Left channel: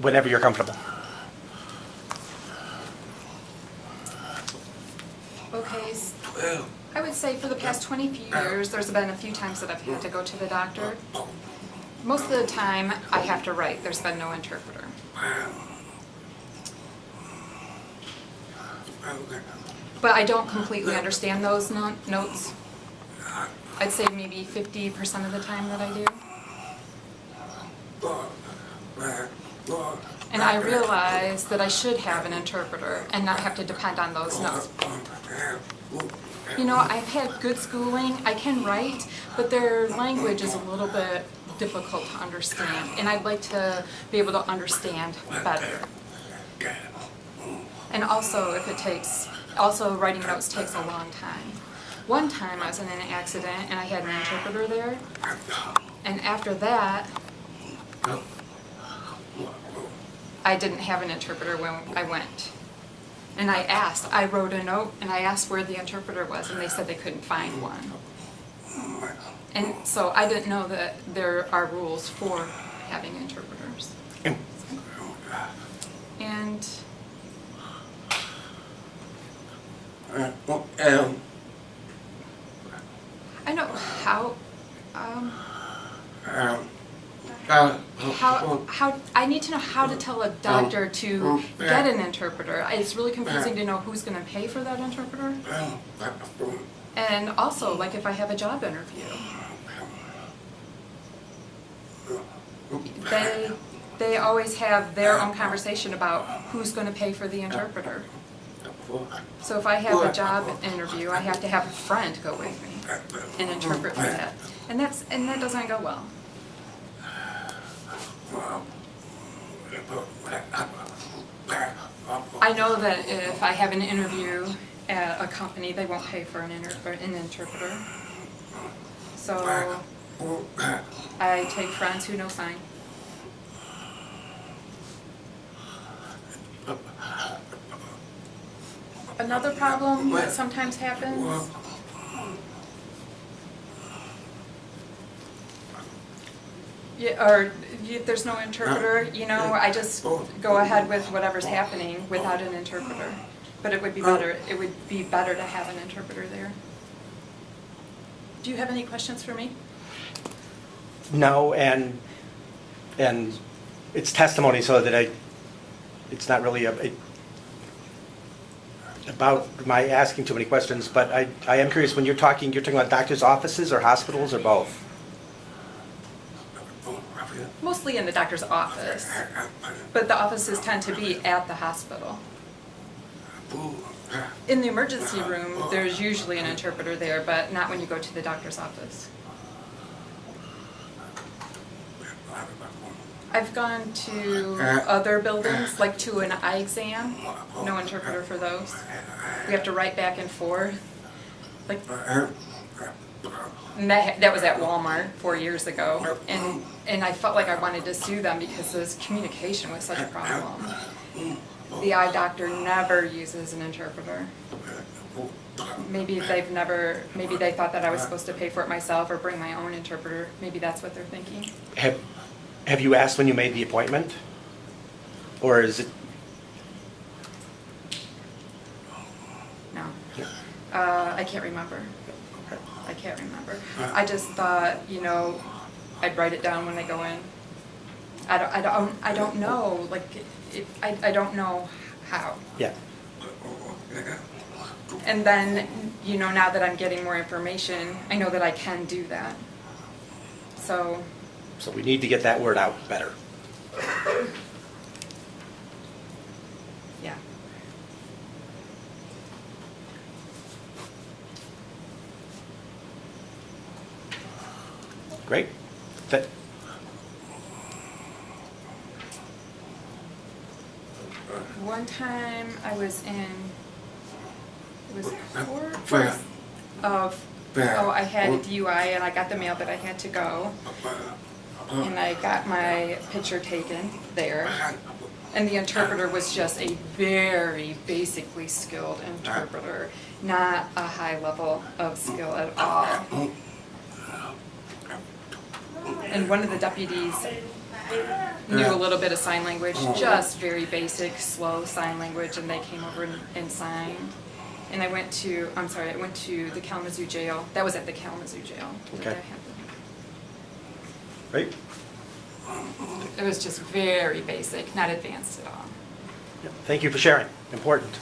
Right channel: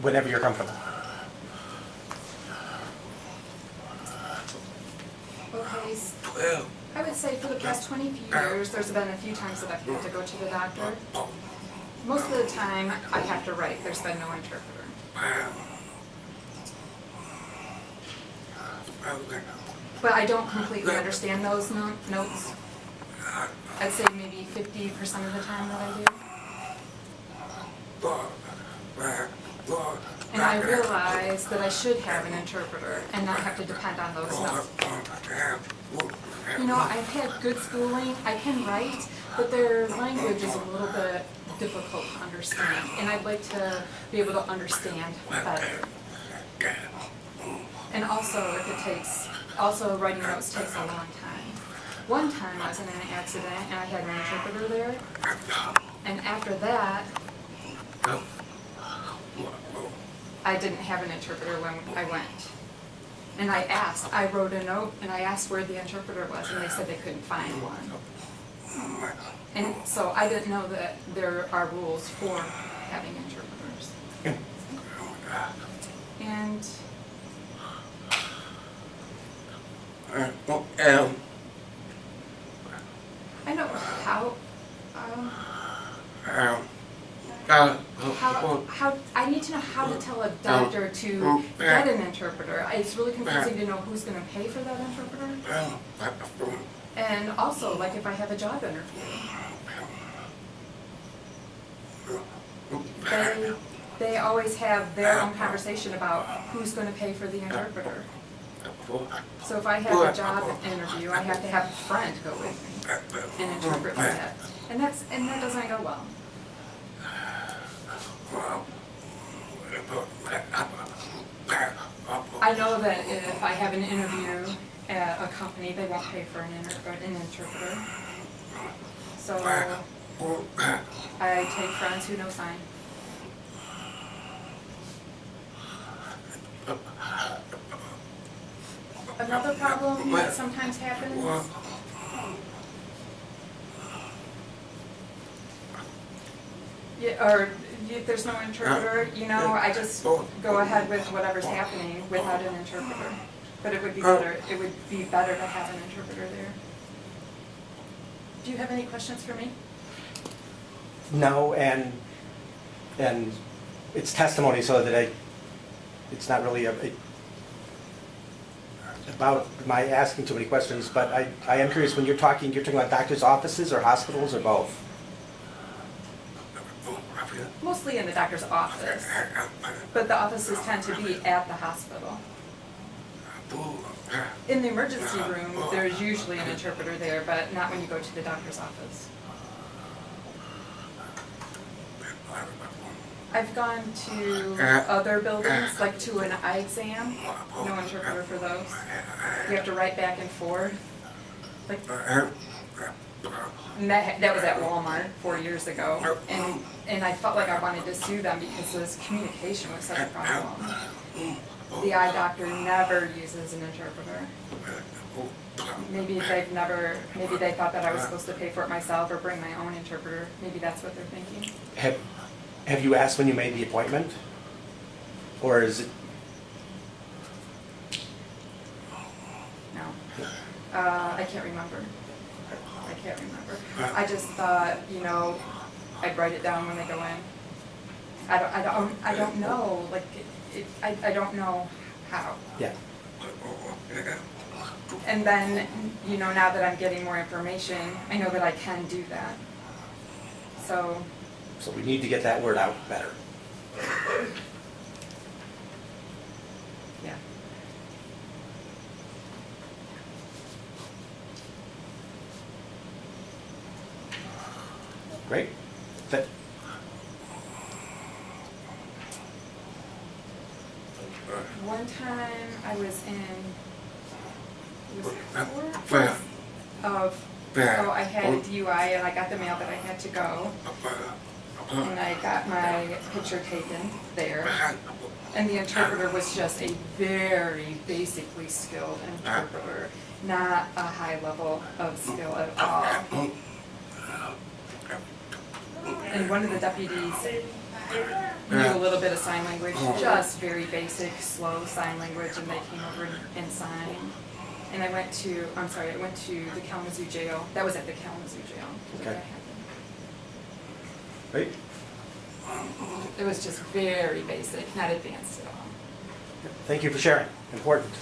whenever you're comfortable. Okay, I would say for the past 20 years, there's been a few times that I've had to go to the doctor. Most of the time, I have to write. There's been no interpreter. But I don't completely understand those notes. I'd say maybe 50% of the time that I do. And I realize that I should have an interpreter and not have to depend on those notes. You know, I've had good schooling, I can write, but their language is a little bit difficult to understand, and I'd like to be able to understand better. And also, also writing notes takes a long time. One time I was in an accident and I had an interpreter there, and after that, I didn't have an interpreter when I went. And I wrote a note and I asked where the interpreter was, and they said they couldn't find one. And so I didn't know that there are rules for having interpreters. And I know how I need to know how to tell a doctor to get an interpreter. It's really confusing to know who's going to pay for that interpreter. And also, like if I have a job interview, they always have their own conversation about who's going to pay for the interpreter. So if I have a job interview, I have to have a friend go with me and interpret for that. And that doesn't go well. I know that if I have an interview at a company, they won't pay for an interpreter. So I take friends who know sign. Another problem that sometimes happens if there's no interpreter, you know, I just go ahead with whatever's happening without an interpreter. But it would be better. It would be better to have an interpreter there. Do you have any questions for me? No, and it's testimony, so that it's not really about my asking too many questions. But I am curious, when you're talking about doctors' offices or hospitals or both? Mostly in the doctor's office, but the offices tend to be at the hospital. In the emergency room, there's usually an interpreter there, but not when you go to the doctor's office. I've gone to other buildings, like to an eye exam, no interpreter for those. You have to write back and forth. Like, and that was at Walmart 4 years ago, and I felt like I wanted to sue them because this communication was such a problem. The eye doctor never uses an interpreter. Maybe they thought that I was supposed to pay for it myself or bring my own interpreter. Maybe that's what they're thinking. Have you asked when you made the appointment? Or is it? No. I can't remember. I just thought, you know, I'd write it down when I go in. I don't know, like, I don't know how. Yeah. And then, you know, now that I'm getting more information, I know that I can do that. So we need to get that word out better. Yeah. Great. One time I was in, I had a DUI and I got the mail that I had to go. And I got my picture taken there. And the interpreter was just a very basically skilled interpreter, not a high level of skill at all. And one of the deputies knew a little bit of sign language, just very basic, slow sign language, and they came over and signed. And I went to the Kalamazoo jail. That was at the Kalamazoo jail. Okay. Right? It was just very basic, not advanced at all. Thank you for sharing. Important.